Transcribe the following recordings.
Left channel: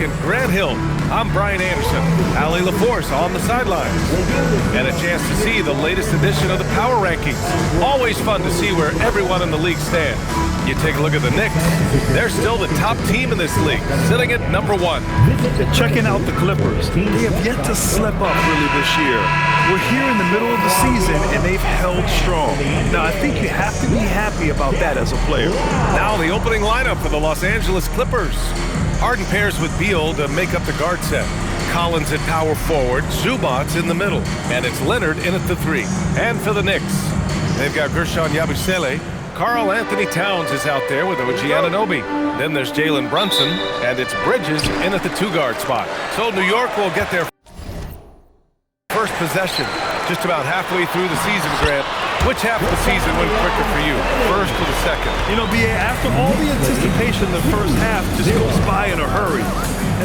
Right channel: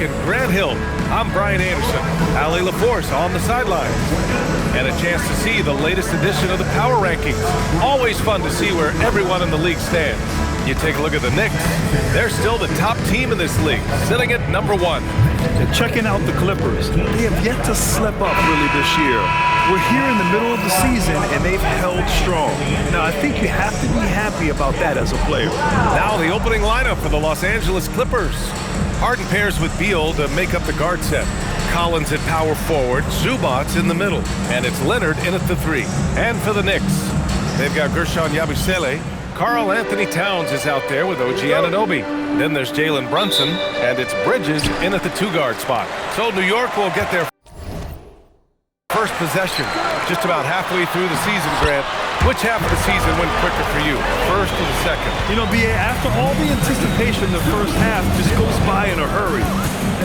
York and Grant Hill. I'm Brian Anderson. Allie LaForce on the sidelines. And a chance to see the latest edition of the Power Rankings. Always fun to see where everyone in the league stands. You take a look at the Knicks. They're still the top team in this league, sitting at number 1. They're checking out the Clippers. They have yet to slip up really this year. We're here in the middle of the season, and they've held strong. Now, I think you have to be happy about that as a player. Now the opening lineup for the Los Angeles Clippers. Harden pairs with Beal to make up the guard set. Collins at power forward, Zubac's in the middle, and it's Leonard in at the 3. And for the Knicks, they've got Gershon Yabusele. Karl Anthony Towns is out there with OG Anunoby. Then there's Jalen Brunson, and it's Bridges in at the 2-guard spot. So New York will get their first possession just about halfway through the season, Grant. Which half of the season went quicker for you, first or the second? You know, B.A., after all the anticipation, the first half just goes by in a hurry.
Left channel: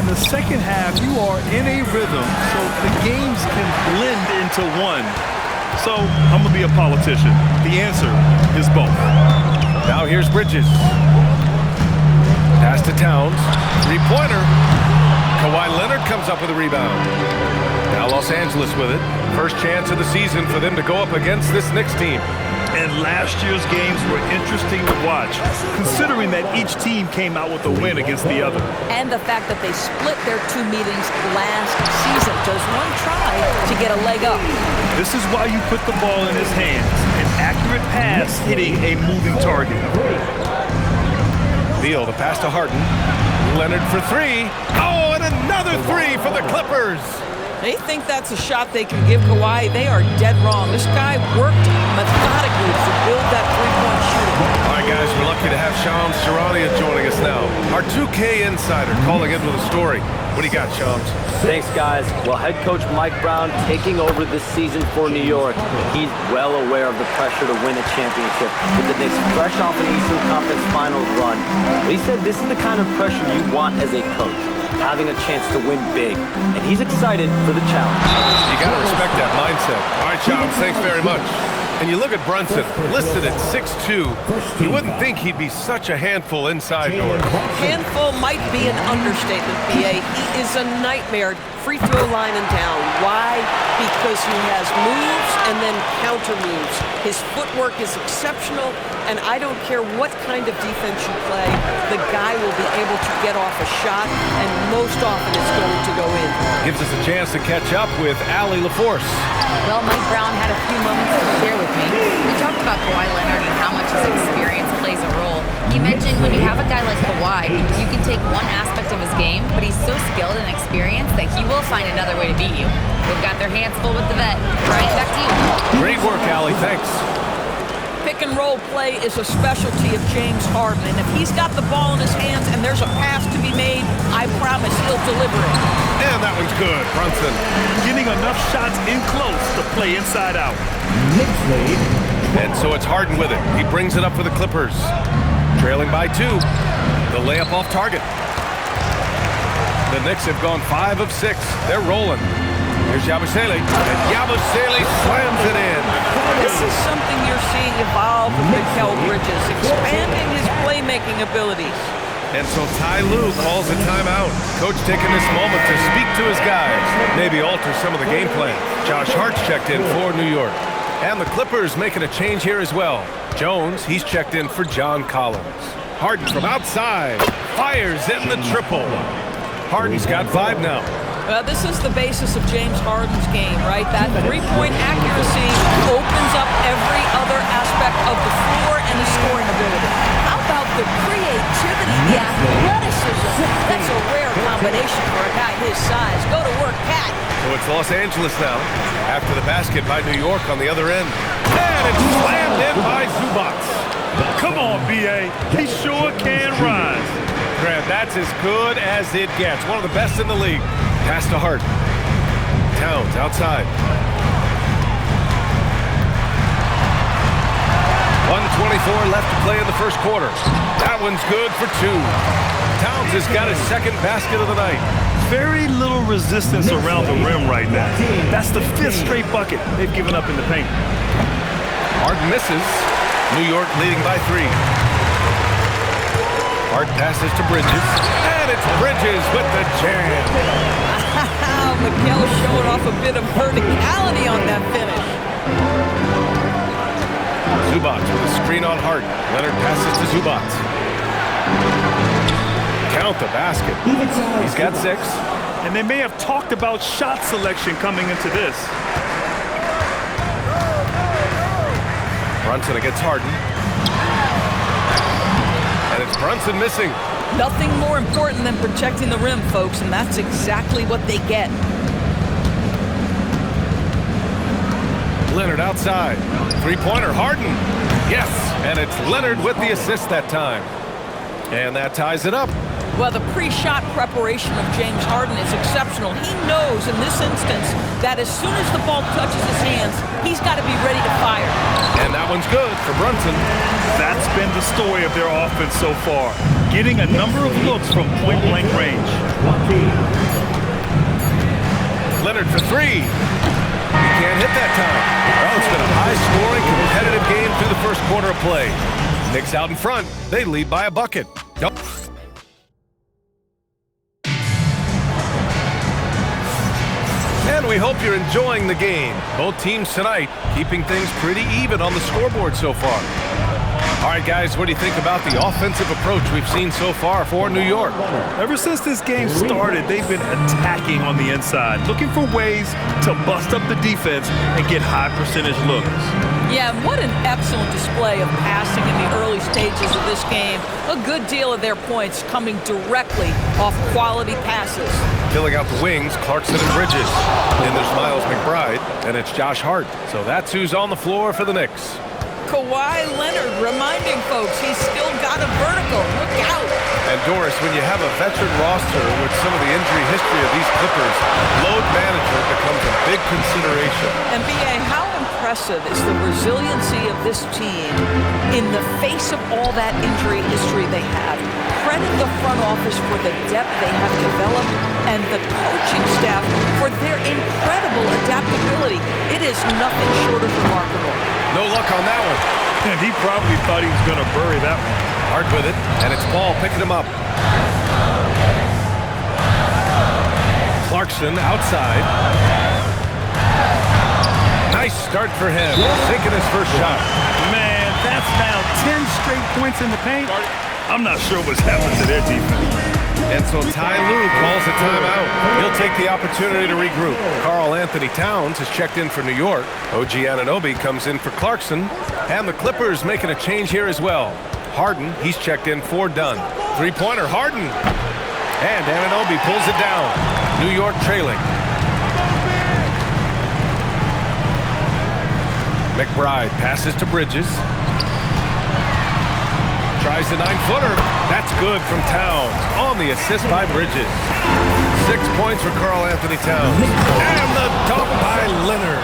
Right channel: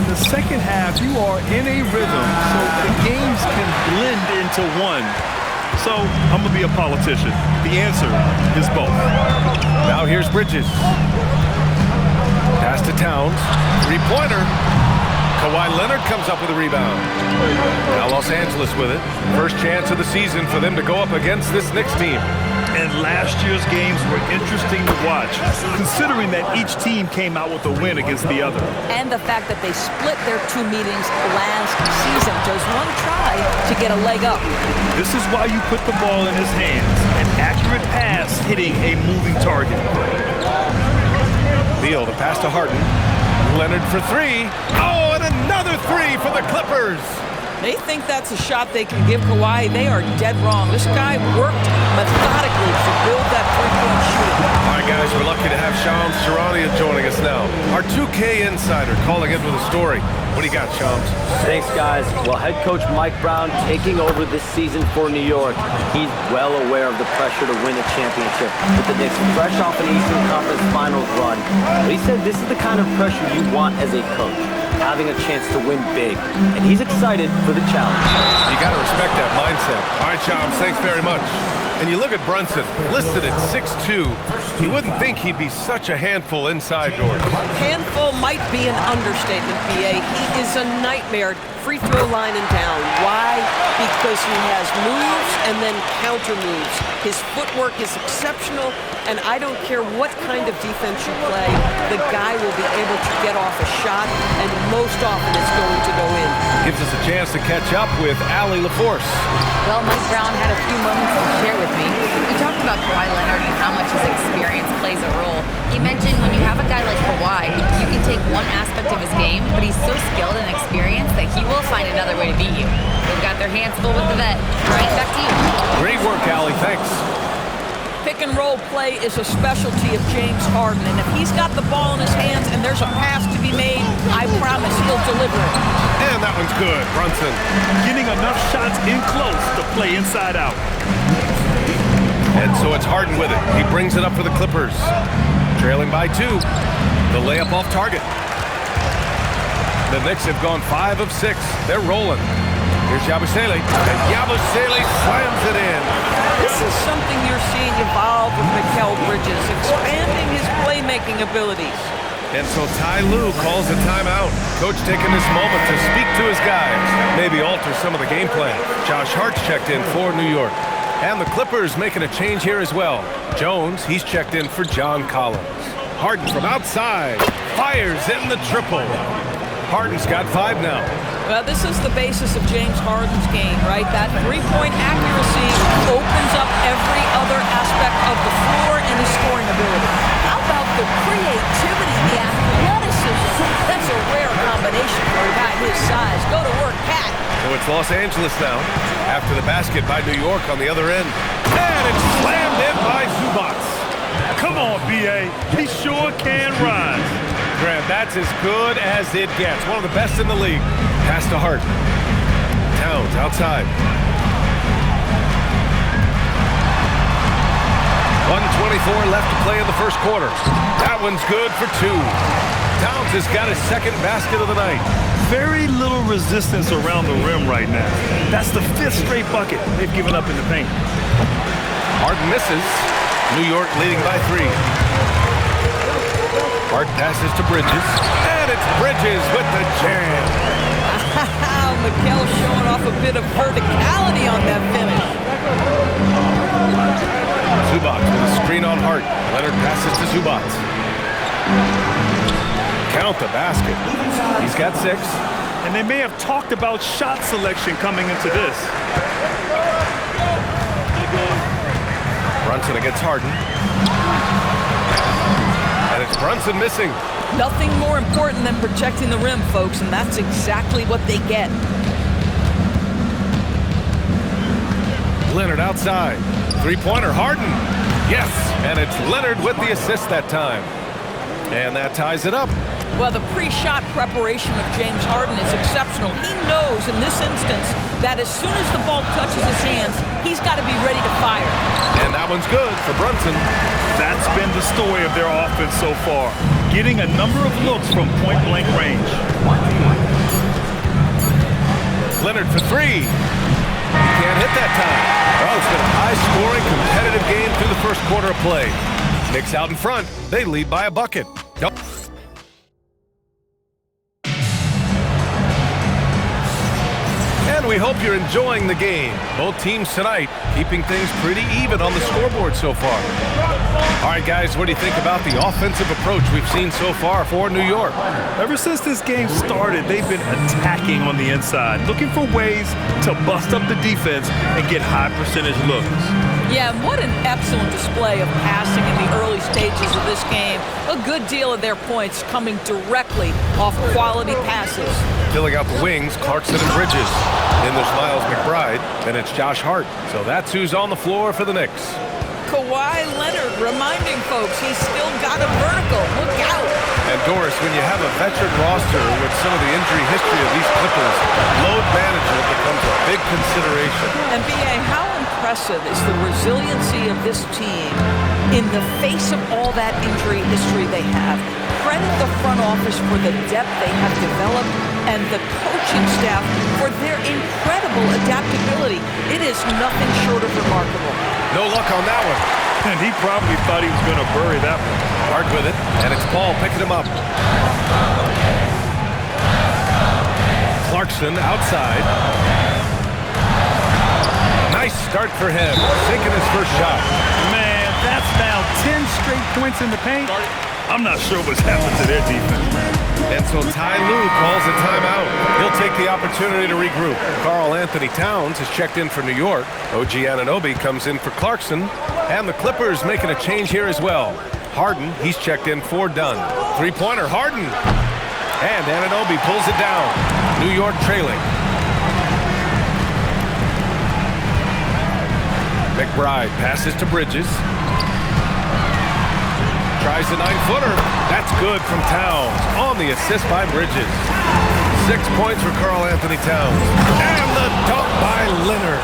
In the second half, you are in a rhythm, so the games can blend into one. So, I'm going to be a politician. The answer is both. Now here's Bridges. Pass to Towns. 3-pointer. Kawhi Leonard comes up with a rebound. Now Los Angeles with it. First chance of the season for them to go up against this Knicks team. And last year's games were interesting to watch, considering that each team came out with a win against the other. And the fact that they split their 2 meetings last season. Does one try to get a leg up? This is why you put the ball in his hands. An accurate pass hitting a moving target. Beal, the pass to Harden. Leonard for 3. Oh, and another 3 for the Clippers. They think that's a shot they can give Kawhi. They are dead wrong. This guy worked methodically to build that 3-point shooting. All right, guys, we're lucky to have Shams Charania joining us now. Our 2K insider calling in with a story. What do you got, Shams? Thanks, guys. Well, head coach Mike Brown taking over this season for New York. He's well aware of the pressure to win a championship with the Knicks fresh off an Eastern Conference Finals run. But he said this is the kind of pressure you want as a coach, having a chance to win big. And he's excited for the challenge. You got to respect that mindset. All right, Shams, thanks very much. And you look at Brunson, listed at 6'2". You wouldn't think he'd be such a handful inside doors. Handful might be an understatement, B.A. He is a nightmare. Free throw line and down. Why? Because he has moves and then counter moves. His footwork is exceptional, and I don't care what kind of defense you play, the guy will be able to get off a shot, and most often it's going to go in. Gives us a chance to catch up with Allie LaForce. Well, Mike Brown had a few moments to share with me. We talked about Kawhi Leonard and how much his experience plays a role. He mentioned when you have a guy like Kawhi, you can take one aspect of his game, but he's so skilled and experienced that he will find another way to beat you. They've got their hands full with the vet. Brian, back to you. Great work, Allie. Thanks. Pick and roll play is a specialty of James Harden, and if he's got the ball in his hands and there's a pass to be made, I promise he'll deliver it. And that one's good, Brunson. Getting enough shots in close to play inside out. And so it's Harden with it. He brings it up for the Clippers. Trailing by 2. The layup off target. The Knicks have gone 5 of 6. They're rolling. Here's Yabusele, and Yabusele slams it in. This is something you're seeing evolve with Mikal Bridges, expanding his playmaking abilities. And so Ty Lue calls a timeout. Coach taking this moment to speak to his guys, maybe alter some of the game plan. Josh Hart's checked in for New York. And the Clippers making a change here as well. Jones, he's checked in for John Collins. Harden from outside, fires in the triple. Harden's got 5 now. Well, this is the basis of James Harden's game, right? That 3-point accuracy opens up every other aspect of the floor and his scoring ability. How about the creativity, the athleticism? That's a rare combination for a guy his size. Go to work, Cat. So it's Los Angeles now, after the basket by New York on the other end. And it's slammed in by Zubac. Come on, B.A. He sure can rise. Grant, that's as good as it gets. One of the best in the league. Pass to Hart. Towns outside. 1:24 left to play in the first quarter. That one's good for 2. Towns has got his second basket of the night. Very little resistance around the rim right now. That's the 5th straight bucket they've given up in the paint. Harden misses. New York leading by 3. Hart passes to Bridges, and it's Bridges with the jam. Wow, Mikal showing off a bit of verticality on that finish. Zubac with a screen on Hart. Leonard passes to Zubac. Count the basket. He's got 6. And they may have talked about shot selection coming into this. Brunson against Harden. And it's Brunson missing. Nothing more important than protecting the rim, folks, and that's exactly what they get. Leonard outside. Three-pointer, Harden. Yes, and it's Leonard with the assist that time. And that ties it up. Well, the pre-shot preparation of James Harden is exceptional. He knows in this instance that as soon as the ball touches his hands, he's got to be ready to fire. And that one's good for Brunson. That's been the story of their offense so far, getting a number of looks from point-blank range. Leonard for 3. He can't hit that time. Oh, it's been a high-scoring, competitive game through the first quarter of play. Knicks out in front. They lead by a bucket. And we hope you're enjoying the game. Both teams tonight keeping things pretty even on the scoreboard so far. All right, guys, what do you think about the offensive approach we've seen so far for New York? Ever since this game started, they've been attacking on the inside, looking for ways to bust up the defense and get high percentage looks. Yeah, and what an excellent display of passing in the early stages of this game. A good deal of their points coming directly off quality passes. Filling out the wings, Clarkson and Bridges. Then there's Miles McBride, and it's Josh Hart. So that's who's on the floor for the Knicks. Kawhi Leonard reminding folks he's still got a vertical. Look out. And Doris, when you have a veteran roster with some of the injury history of these Clippers, load management becomes a big consideration. And B.A., how impressive is the resiliency of this team in the face of all that injury history they have. Credit the front office for the depth they have developed and the coaching staff for their incredible adaptability. It is nothing short of remarkable. No luck on that one. And he probably thought he was going to bury that one. Hard with it, and it's Paul picking him up. Clarkson outside. Nice start for him, sinking his first shot. Man, that's now 10 straight points in the paint. I'm not sure what's happened to their defense. And so Ty Lue calls a timeout. He'll take the opportunity to regroup. Karl Anthony Towns is checked in for New York. OG Anunoby comes in for Clarkson. And the Clippers making a change here as well. Harden, he's checked in for Dunn. Three-pointer, Harden. And Anunoby pulls it down. New York trailing. McBride passes to Bridges. Tries the 9-footer. That's good from Towns. On the assist by Bridges. 6 points for Karl Anthony Towns. And the dunk by Leonard.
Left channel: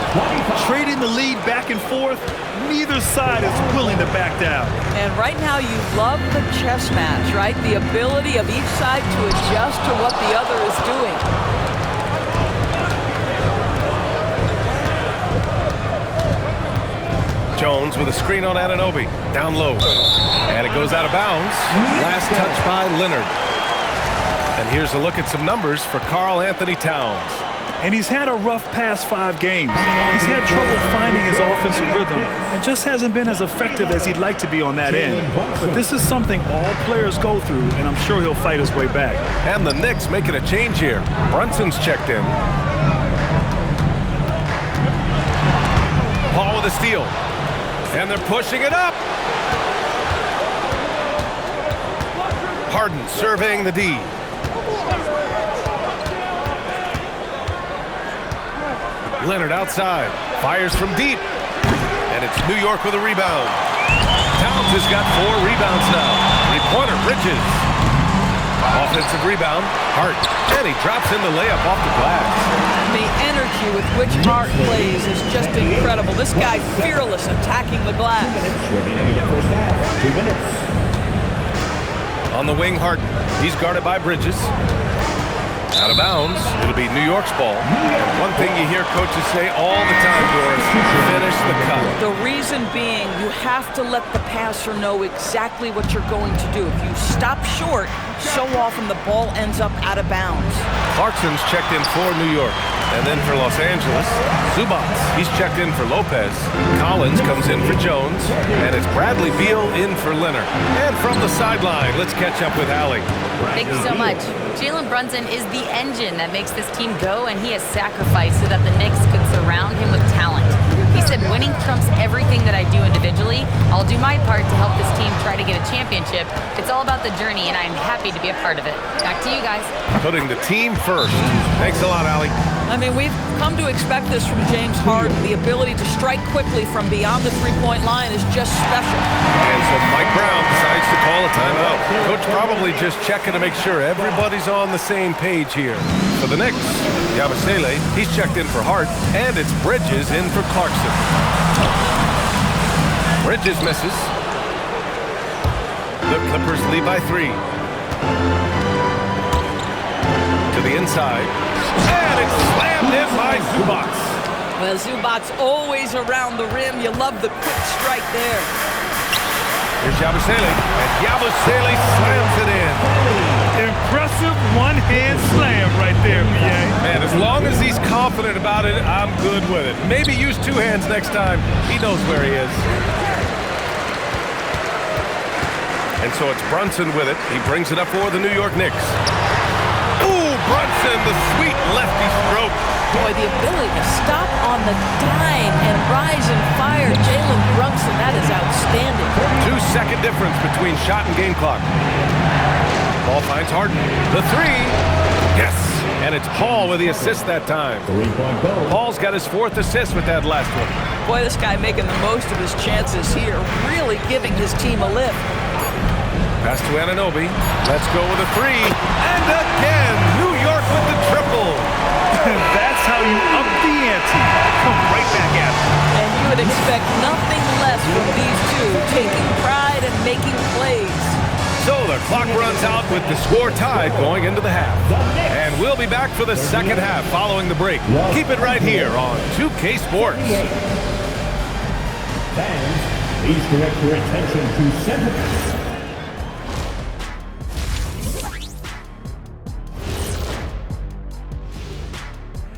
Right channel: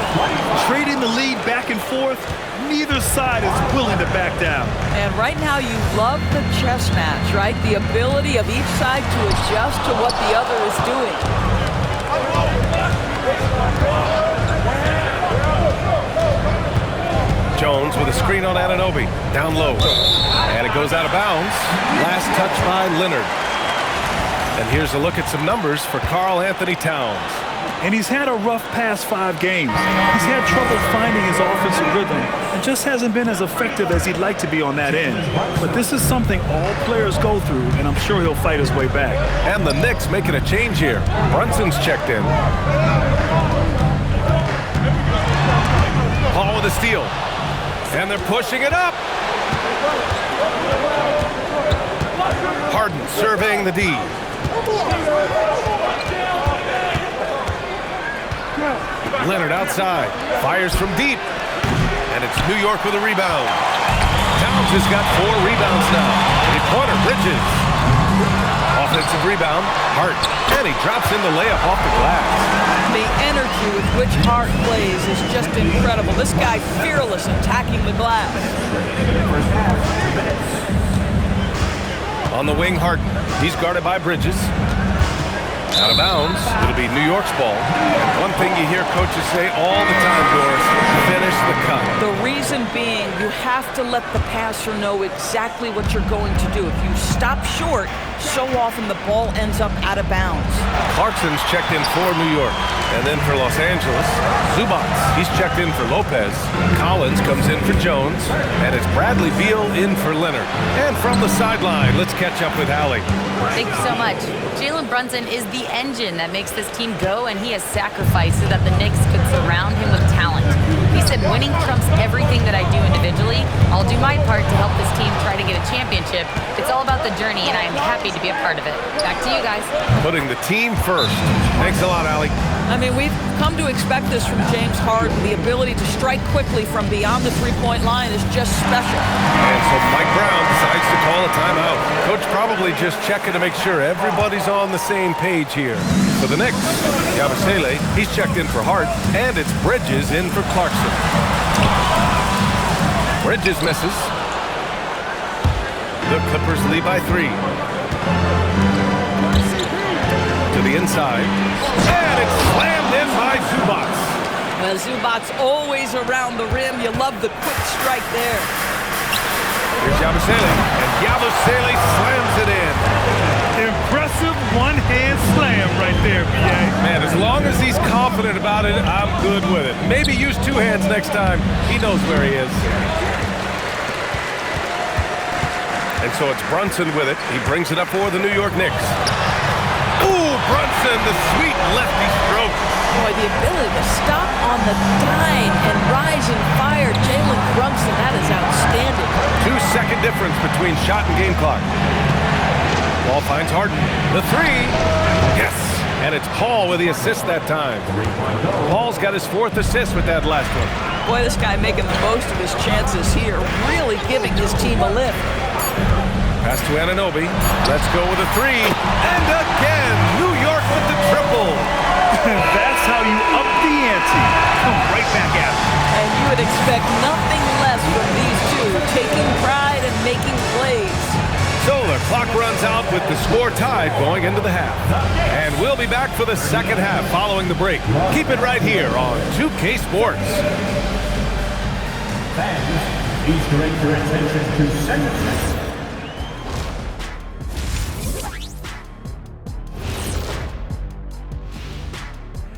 Trading the lead back and forth, neither side is willing to back down. And right now you love the chess match, right? The ability of each side to adjust to what the other is doing. Jones with a screen on Anunoby. Down low. And it goes out of bounds. Last touch by Leonard. And here's a look at some numbers for Karl Anthony Towns. And he's had a rough past 5 games. He's had trouble finding his offensive rhythm and just hasn't been as effective as he'd like to be on that end. But this is something all players go through, and I'm sure he'll fight his way back. And the Knicks making a change here. Brunson's checked in. Paul with a steal. And they're pushing it up. Harden surveying the D. Leonard outside. Fires from deep. And it's New York with a rebound. Towns has got 4 rebounds now. Three-pointer, Bridges. Offensive rebound, Hart. And he drops in the layup off the glass. The energy with which Hart plays is just incredible. This guy fearless attacking the glass. On the wing, Harden. He's guarded by Bridges. Out of bounds. It'll be New York's ball. And one thing you hear coaches say all the time, Doris, finish the cut. The reason being, you have to let the passer know exactly what you're going to do. If you stop short, so often the ball ends up out of bounds. Clarkson's checked in for New York. And then for Los Angeles, Zubats. He's checked in for Lopez. Collins comes in for Jones. And it's Bradley Beal in for Leonard. And from the sideline, let's catch up with Allie. Thank you so much. Jalen Brunson is the engine that makes this team go, and he has sacrificed so that the Knicks could surround him with talent. He said, winning trumps everything that I do individually. I'll do my part to help this team try to get a championship. It's all about the journey, and I am happy to be a part of it. Back to you guys. Putting the team first. Thanks a lot, Allie. I mean, we've come to expect this from James Harden. The ability to strike quickly from beyond the three-point line is just special. And so Mike Brown decides to call a timeout. Coach probably just checking to make sure everybody's on the same page here. For the Knicks, Yabusele, he's checked in for Hart, and it's Bridges in for Clarkson. Bridges misses. The Clippers lead by 3. To the inside. And it's slammed in by Zubats. Well, Zubats always around the rim. You love the quick strike there. Here's Yabusele, and Yabusele slams it in. Impressive one-hand slam right there, B.A. Man, as long as he's confident about it, I'm good with it. Maybe use 2 hands next time. He knows where he is. And so it's Brunson with it. He brings it up for the New York Knicks. Ooh, Brunson, the sweet lefty stroke. Boy, the ability to stop on the dime and rise and fire. Jalen Brunson, that is outstanding. 2-second difference between shot and game clock. Ball finds Harden. The 3. Yes. And it's Paul with the assist that time. Paul's got his 4th assist with that last one. Boy, this guy making the most of his chances here. Really giving his team a lift. Pass to Anunoby. Let's go with a 3. And again, New York with the triple. That's how you up the ante. Come right back at it. And you would expect nothing less from these two, taking pride and making plays. So the clock runs out with the score tied going into the half. And we'll be back for the second half following the break. Keep it right here on 2K Sports. Fans, please direct your attention to center.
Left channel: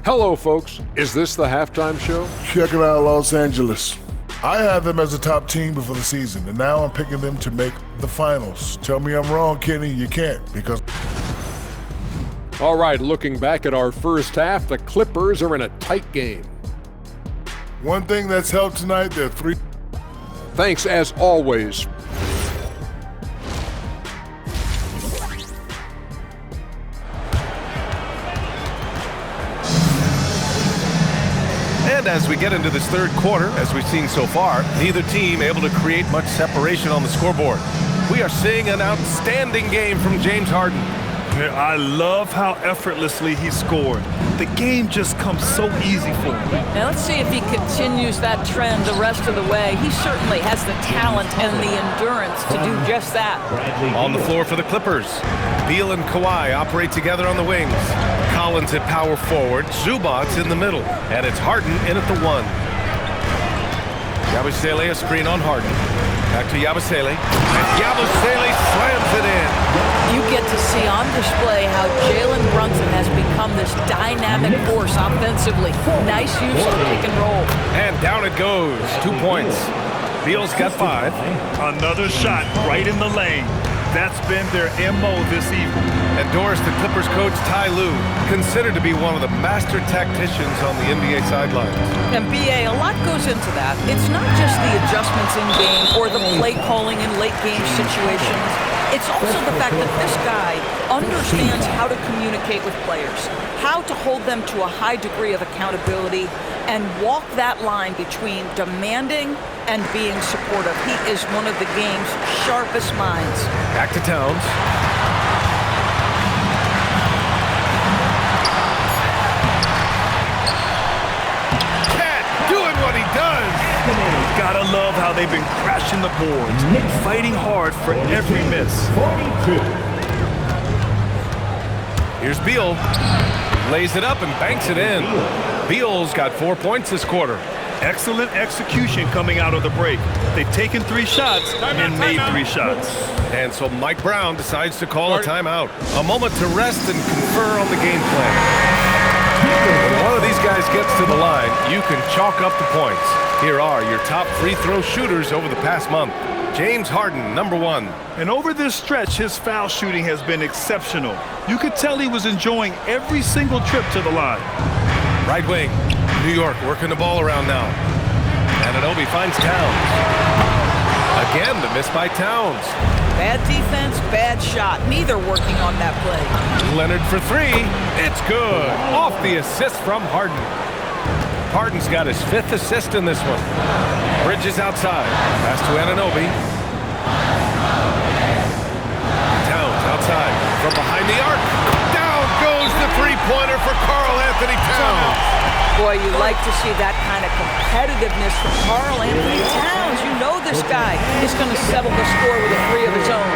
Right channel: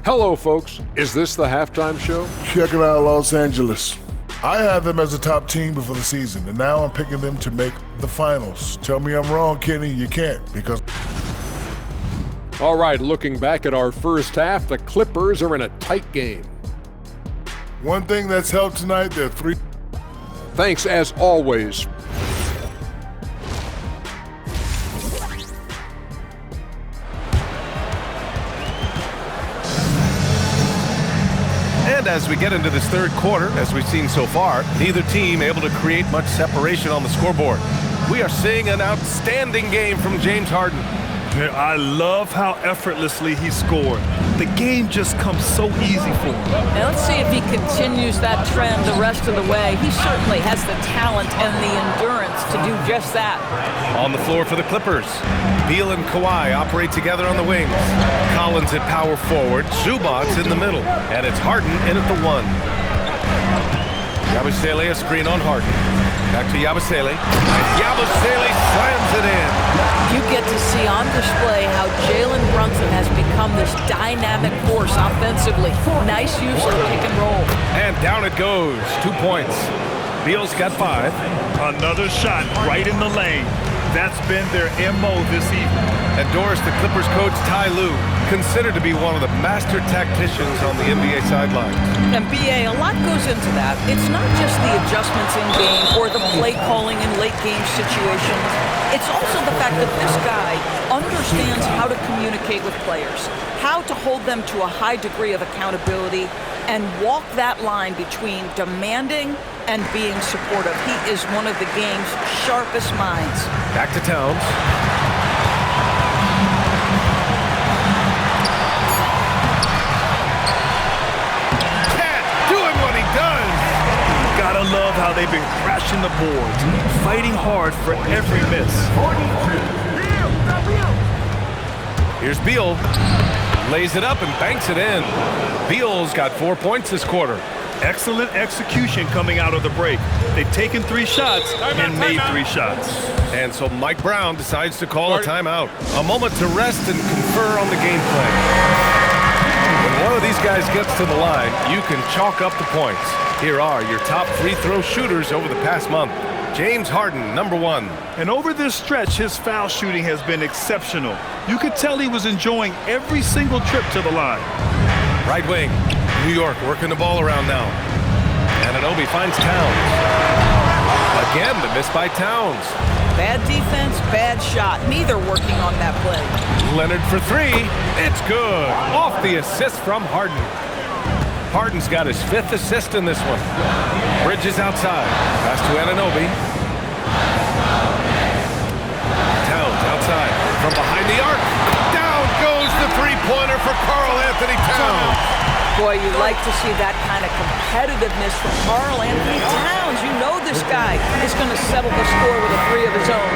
Hello, folks. Is this the halftime show? Check it out, Los Angeles. I had them as a top team before the season, and now I'm picking them to make the finals. Tell me I'm wrong, Kenny. You can't, because... All right, looking back at our first half, the Clippers are in a tight game. One thing that's helped tonight, they're 3... Thanks, as always. And as we get into this third quarter, as we've seen so far, neither team able to create much separation on the scoreboard. We are seeing an outstanding game from James Harden. I love how effortlessly he scored. The game just comes so easy for him. Now let's see if he continues that trend the rest of the way. He certainly has the talent and the endurance to do just that. On the floor for the Clippers, Beal and Kawhi operate together on the wings. Collins at power forward, Zubats in the middle, and it's Harden in at the 1. Yabusele a screen on Harden. Back to Yabusele, and Yabusele slams it in. You get to see on display how Jalen Brunson has become this dynamic force offensively. Nice use of the pick and roll. And down it goes. 2 points. Beal's got 5. Another shot right in the lane. That's been their MO this evening. And Doris, the Clippers coach Ty Lue, considered to be one of the master tacticians on the NBA sidelines. And BA, a lot goes into that. It's not just the adjustments in game or the play calling in late game situations. It's also the fact that this guy understands how to communicate with players, how to hold them to a high degree of accountability, and walk that line between demanding and being supportive. He is one of the game's sharpest minds. Back to Towns. Cat doing what he does. Gotta love how they've been crashing the boards, fighting hard for every miss. Here's Beal. Lays it up and banks it in. Beal's got 4 points this quarter. Excellent execution coming out of the break. They've taken 3 shots and made 3 shots. And so Mike Brown decides to call a timeout. A moment to rest and confer on the game plan. When one of these guys gets to the line, you can chalk up the points. Here are your top free throw shooters over the past month. James Harden, number 1. And over this stretch, his foul shooting has been exceptional. You could tell he was enjoying every single trip to the line. Right wing, New York working the ball around now. Anunoby finds Towns. Again, the miss by Towns. Bad defense, bad shot. Neither working on that play. Leonard for 3. It's good. Off the assist from Harden. Harden's got his 5th assist in this one. Bridges outside. Pass to Anunoby. Towns outside. From behind the arc. Down goes the three-pointer for Karl Anthony Towns. Boy, you like to see that kind of competitiveness from Karl Anthony Towns. You know this guy is going to settle the score with a 3 of his own.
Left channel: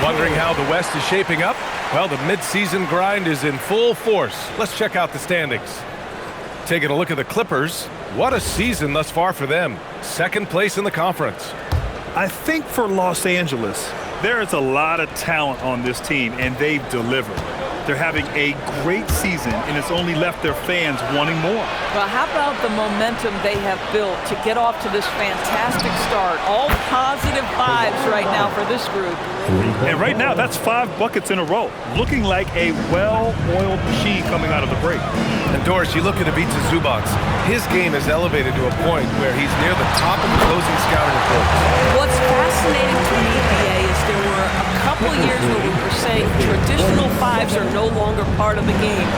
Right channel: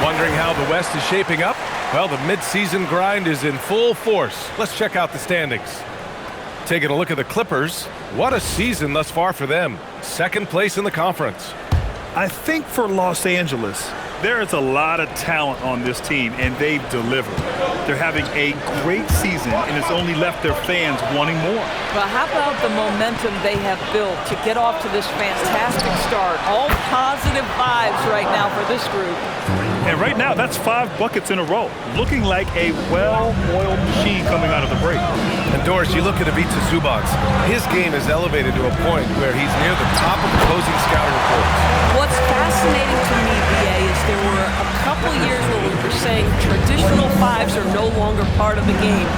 Wondering how the West is shaping up? Well, the midseason grind is in full force. Let's check out the standings. Taking a look at the Clippers. What a season thus far for them. 2nd place in the conference. I think for Los Angeles, there is a lot of talent on this team, and they've delivered. They're having a great season, and it's only left their fans wanting more. Well, how about the momentum they have built to get off to this fantastic start? All positive vibes right now for this group. And right now, that's 5 buckets in a row, looking like a well-oiled machine coming out of the break. And Doris, you look at Ivica Zubac. His game is elevated to a point where he's near the top of the closing scouting reports. What's fascinating to me, BA, is there were a couple years where we were saying traditional 5s are no longer part of the game.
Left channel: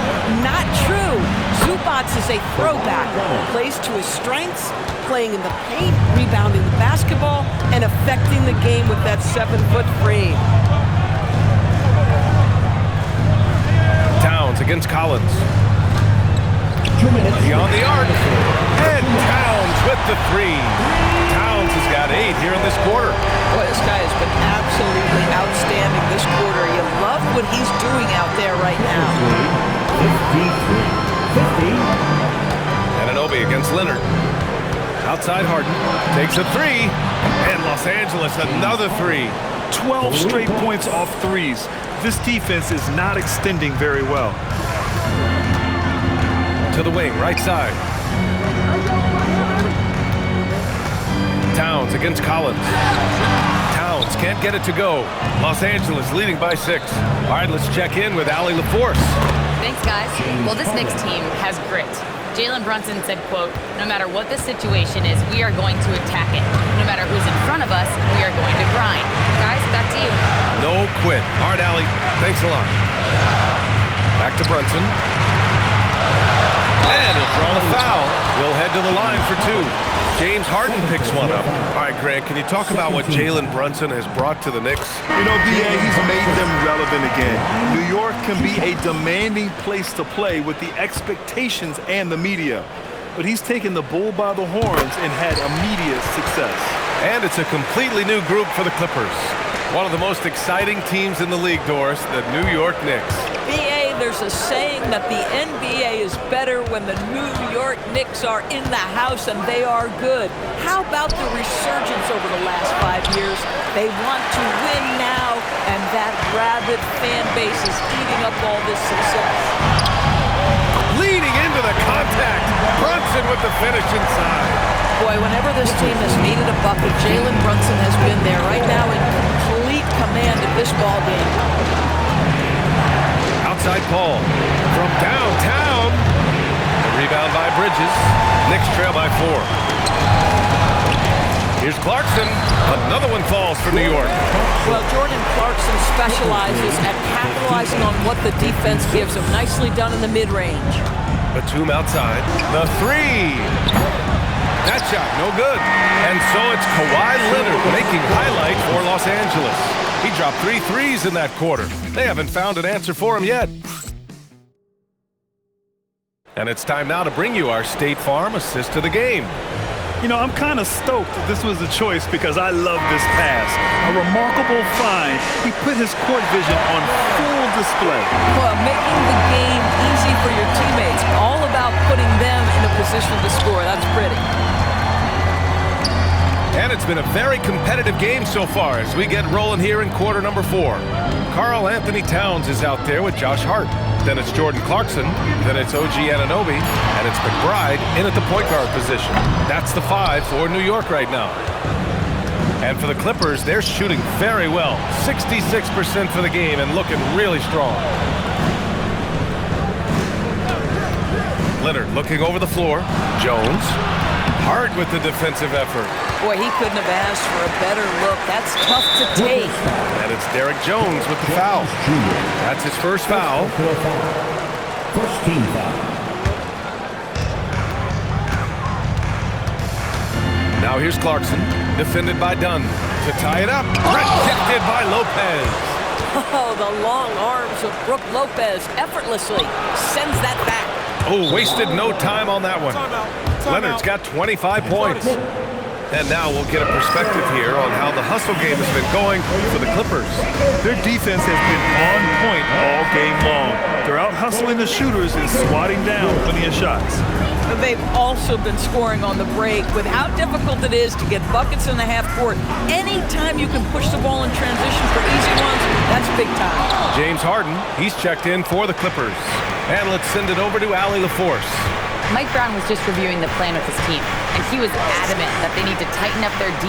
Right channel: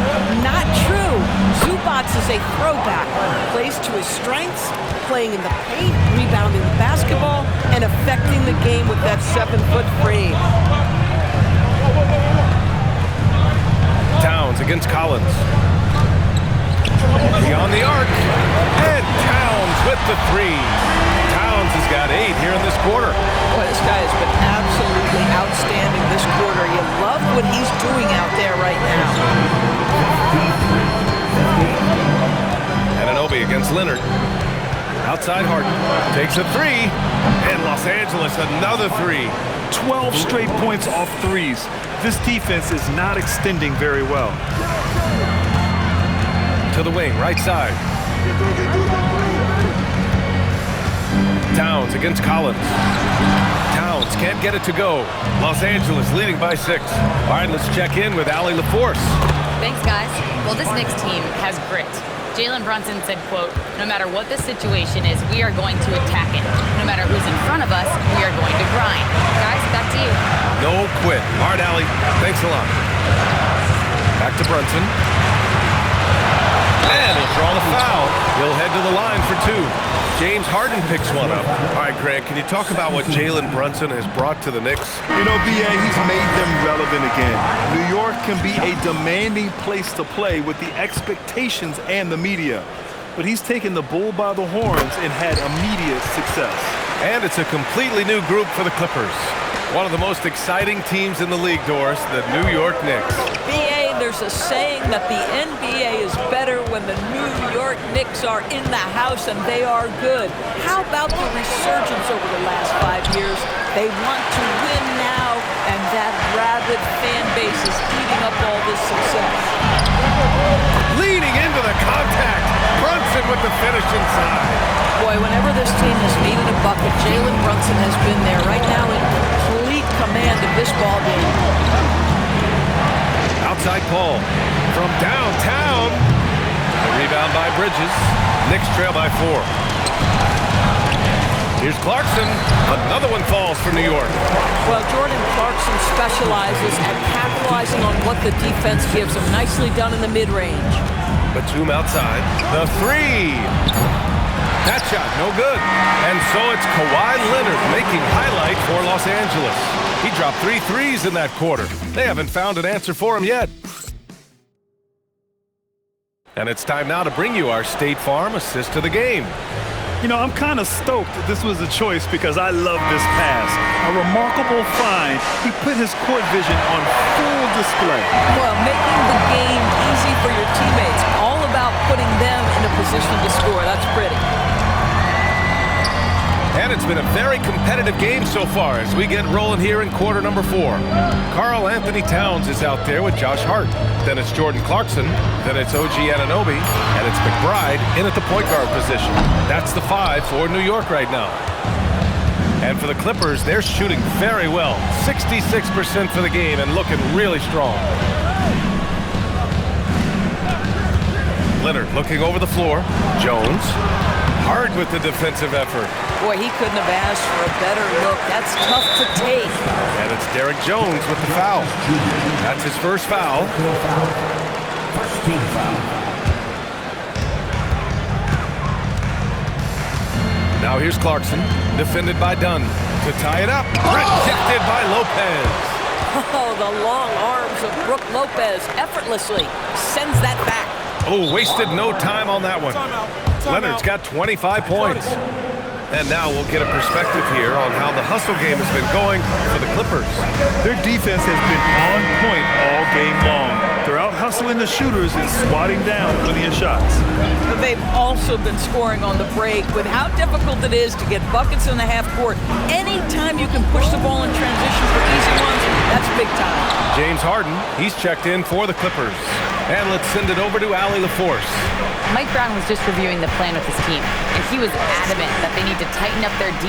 Not true. Zubac is a throwback. Plays to his strengths, playing in the paint, rebounding the basketball, and affecting the game with that 7-foot frame. Towns against Collins. Beyond the arc. And Towns with the 3. Towns has got 8 here in this quarter. Boy, this guy has been absolutely outstanding this quarter. You love what he's doing out there right now. Anunoby against Leonard. Outside Harden. Takes a 3. And Los Angeles another 3. 12 straight points off 3s. This defense is not extending very well. To the wing, right side. Towns against Collins. Towns can't get it to go. Los Angeles leading by 6. All right, let's check in with Allie LaForce. Thanks, guys. Well, this Knicks team has grit. Jalen Brunson said, quote, "No matter what the situation is, we are going to attack it. No matter who's in front of us, we are going to grind." Guys, back to you. No quit. All right, Allie. Thanks a lot. Back to Brunson. And he'll draw the foul. He'll head to the line for 2. James Harden picks one up. All right, Grant, can you talk about what Jalen Brunson has brought to the Knicks? You know, BA, he's made them relevant again. New York can be a demanding place to play with the expectations and the media. But he's taken the bull by the horns and had immediate success. And it's a completely new group for the Clippers. One of the most exciting teams in the league, Doris, the New York Knicks. BA, there's a saying that the NBA is better when the New York Knicks are in the house, and they are good. How about the resurgence over the last 5 years? They want to win now, and that rabid fan base is eating up all this success. Leading into the contact. Brunson with the finish inside. Boy, whenever this team has needed a bucket, Jalen Brunson has been there right now in complete command of this ball game. Outside Paul from downtown. The rebound by Bridges. Knicks trail by 4. Here's Clarkson. Another one falls for New York. Well, Jordan Clarkson specializes at capitalizing on what the defense gives him. Nicely done in the mid-range. Batum outside. The 3. That shot, no good. And so it's Kawhi Leonard making highlight for Los Angeles. He dropped 3 threes in that quarter. They haven't found an answer for him yet. And it's time now to bring you our State Farm assist of the game. You know, I'm kind of stoked that this was a choice because I love this pass. A remarkable find. He put his court vision on full display. Well, making the game easy for your teammates. All about putting them in a position to score. That's pretty. And it's been a very competitive game so far as we get rolling here in quarter number 4. Karl Anthony Towns is out there with Josh Hart. Then it's Jordan Clarkson. Then it's OG Anunoby. And it's McBride in at the point guard position. That's the 5 for New York right now. And for the Clippers, they're shooting very well. 66% for the game and looking really strong. Leonard looking over the floor. Jones. Hard with the defensive effort. Boy, he couldn't have asked for a better look. That's tough to take. And it's Derek Jones with the foul. That's his first foul. First team foul. Now here's Clarkson, defended by Dunn. To tie it up, rejected by Lopez. Oh, the long arms of Brook Lopez effortlessly sends that back. Oh, wasted no time on that one. Leonard's got 25 points. And now we'll get a perspective here on how the hustle game has been going for the Clippers. Their defense has been on point all game long. They're out hustling the shooters and swatting down plenty of shots. They've also been scoring on the break with how difficult it is to get buckets in the half court. Anytime you can push the ball in transition for easy ones, that's big time. James Harden, he's checked in for the Clippers. And let's send it over to Allie LaForce. Mike Brown was just reviewing the plan with his team, and he was adamant that they need to tighten up their D.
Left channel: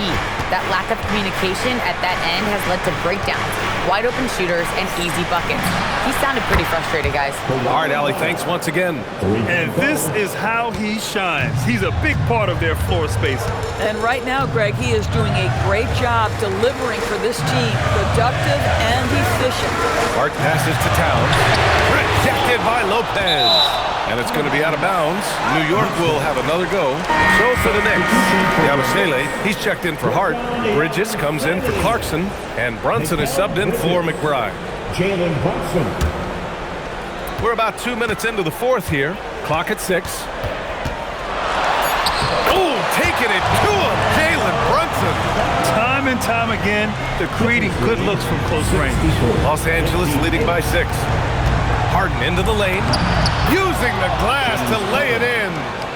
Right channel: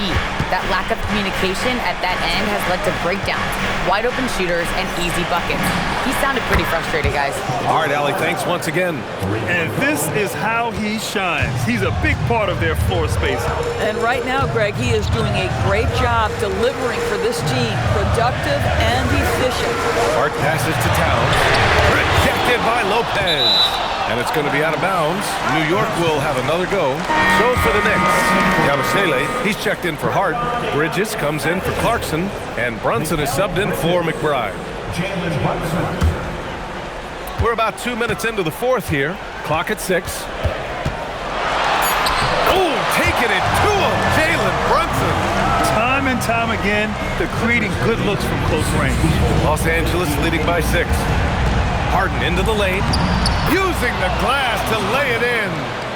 That lack of communication at that end has led to breakdowns, wide open shooters, and easy buckets. He sounded pretty frustrated, guys. All right, Allie, thanks once again. And this is how he shines. He's a big part of their floor space. And right now, Greg, he is doing a great job delivering for this team. Productive and efficient. Hart passes to Towns. Rejected by Lopez. And it's going to be out of bounds. New York will have another go. So for the Knicks, Yabusele, he's checked in for Hart. Bridges comes in for Clarkson. And Brunson is subbed in for McBride. Jalen Brunson. We're about 2 minutes into the fourth here. Clock at 6. Oh, taking it to him, Jalen Brunson. Time and time again, they're creating good looks from close range. Los Angeles leading by 6. Harden into the lane. Using the glass to lay it in.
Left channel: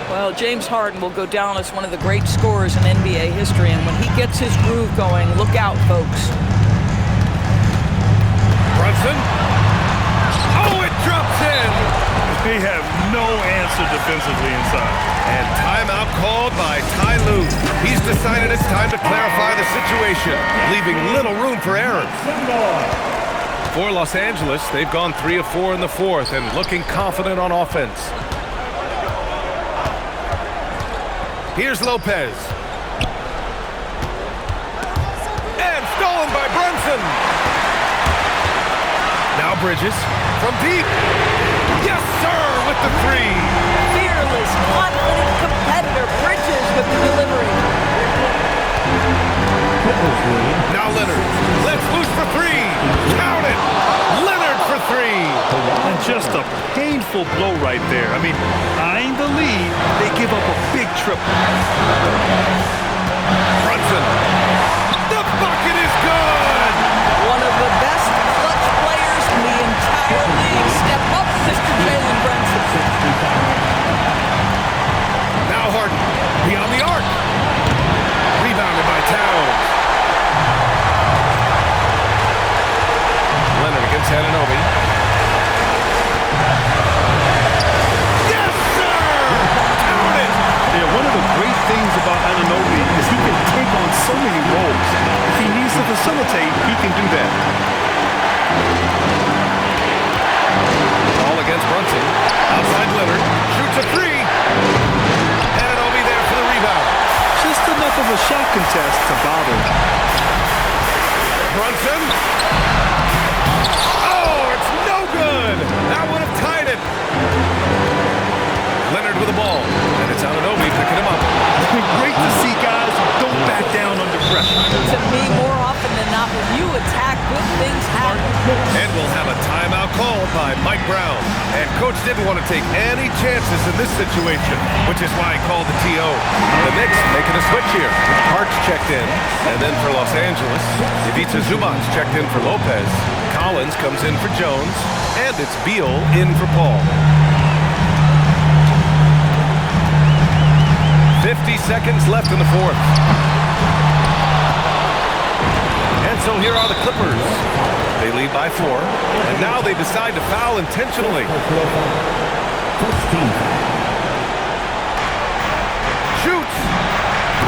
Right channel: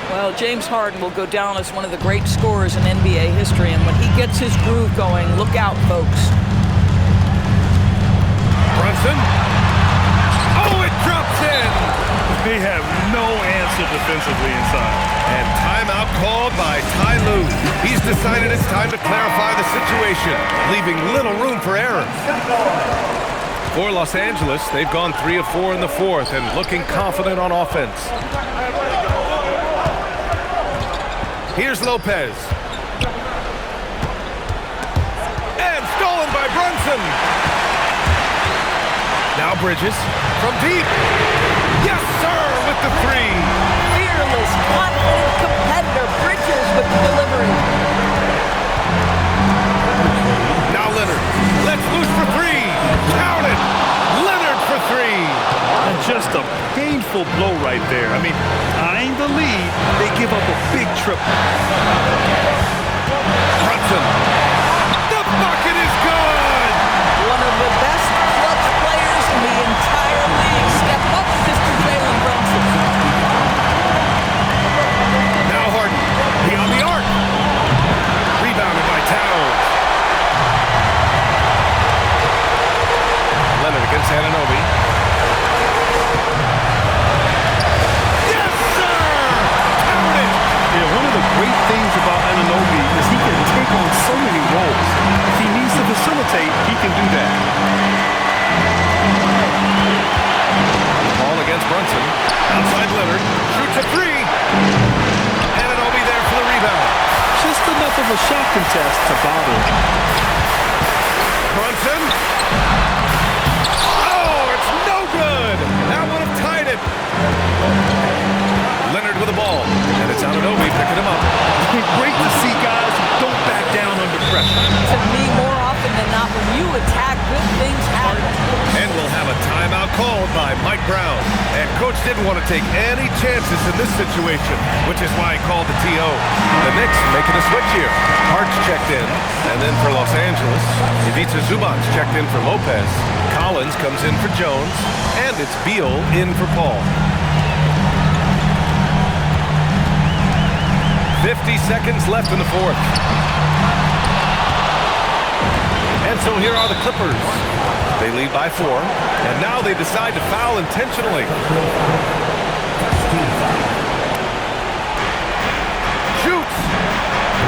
Well, James Harden will go down as one of the great scorers in NBA history, and when he gets his groove going, look out, folks. Brunson. Oh, it drops in. They have no answer defensively inside. And timeout called by Ty Lue. He's decided it's time to clarify the situation, leaving little room for error. For Los Angeles, they've gone 3 of 4 in the fourth and looking confident on offense. Here's Lopez. And stolen by Brunson. Now Bridges from deep. Yes, sir, with the 3. Fearless, confident competitor. Bridges with the delivery. Now Leonard, let's loose for 3. Count it. Leonard for 3. And just a painful blow right there. I mean, eyeing the lead, they give up a big triple. Brunson. The bucket is good. One of the best clutch players in the entire league. Step up, Mr. Jalen Brunson. Now Harden, beyond the arc. Rebounded by Towns. Leonard against Anunoby. Yes, sir! Count it! Yeah, one of the great things about Anunoby is he can take on so many roles. If he needs to facilitate, he can do that. Ball against Brunson. Outside Leonard. Shoots a 3. Anunoby there for the rebound. Just enough of a shot contest to bother. Brunson. Oh, it's no good. That would have tied it. Leonard with the ball. And It's Anunoby picking him up. Great to see guys who don't back down under pressure. To me, more often than not, when you attack, good things happen. And we'll have a timeout called by Mike Brown. And coach didn't want to take any chances in this situation, which is why he called the TO. The Knicks making a switch here. Hart's checked in, and then for Los Angeles, Ivica Zubac's checked in for Lopez. Collins comes in for Jones, and it's Beal in for Paul. 50 seconds left in the fourth. And so here are the Clippers. They lead by 4, and now they decide to foul intentionally. Shoots!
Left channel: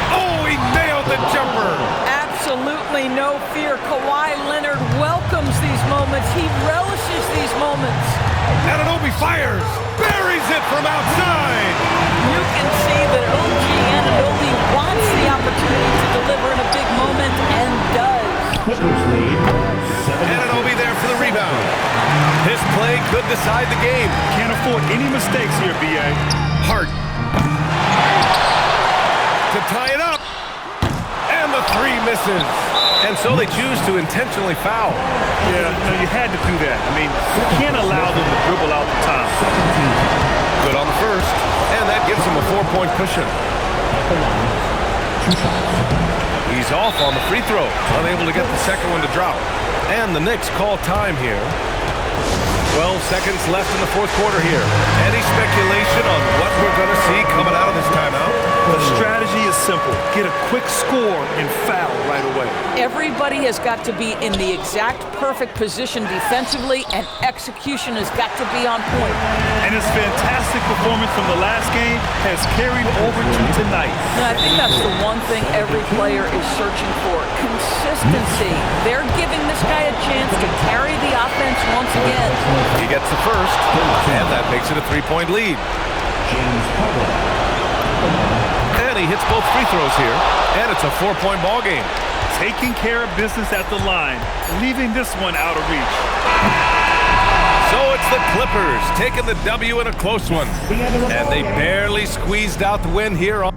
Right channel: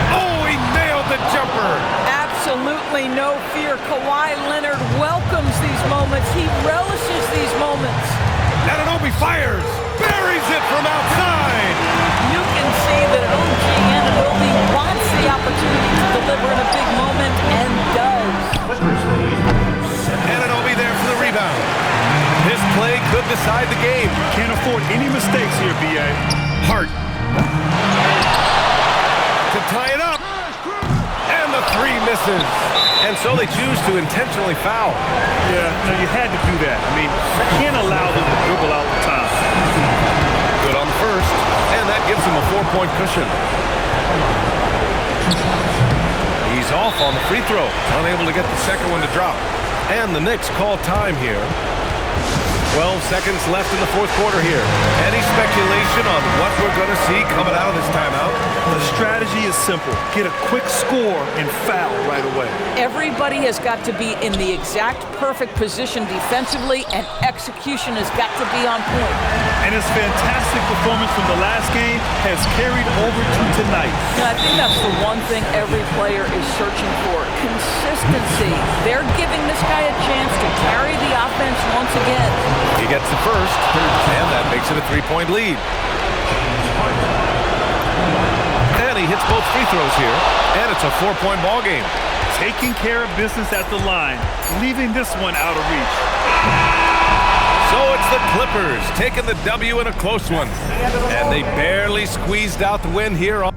Oh, he nailed the jumper! Absolutely no fear. Kawhi Leonard welcomes these moments. He relishes these moments. Anunoby fires! Buries it from outside! You can see that OG Anunoby wants the opportunity to deliver in a big moment, and does. Anunoby there for the rebound. This play could decide the game. Can't afford any mistakes here, B.A. Hart. To tie it up. And the 3 misses. And so they choose to intentionally foul. Yeah, no, you had to do that. I mean, you can't allow them to dribble out the time. Good on the first, and that gives him a 4-point cushion. He's off on the free throw, unable to get the second one to drop. And the Knicks call time here. 12 seconds left in the fourth quarter here. Any speculation on what we're going to see coming out of this timeout? The strategy is simple. Get a quick score and foul right away. Everybody has got to be in the exact perfect position defensively, and execution has got to be on point. And his fantastic performance from the last game has carried over to tonight. Now, I think that's the one thing every player is searching for. Consistency. They're giving this guy a chance to carry the offense once again. He gets the first, and that makes it a 3-point lead. And he hits both free throws here, and it's a 4-point ball game. Taking care of business at the line, leaving this one out of reach. So it's the Clippers taking the W in a close one, and they barely squeezed out the win here on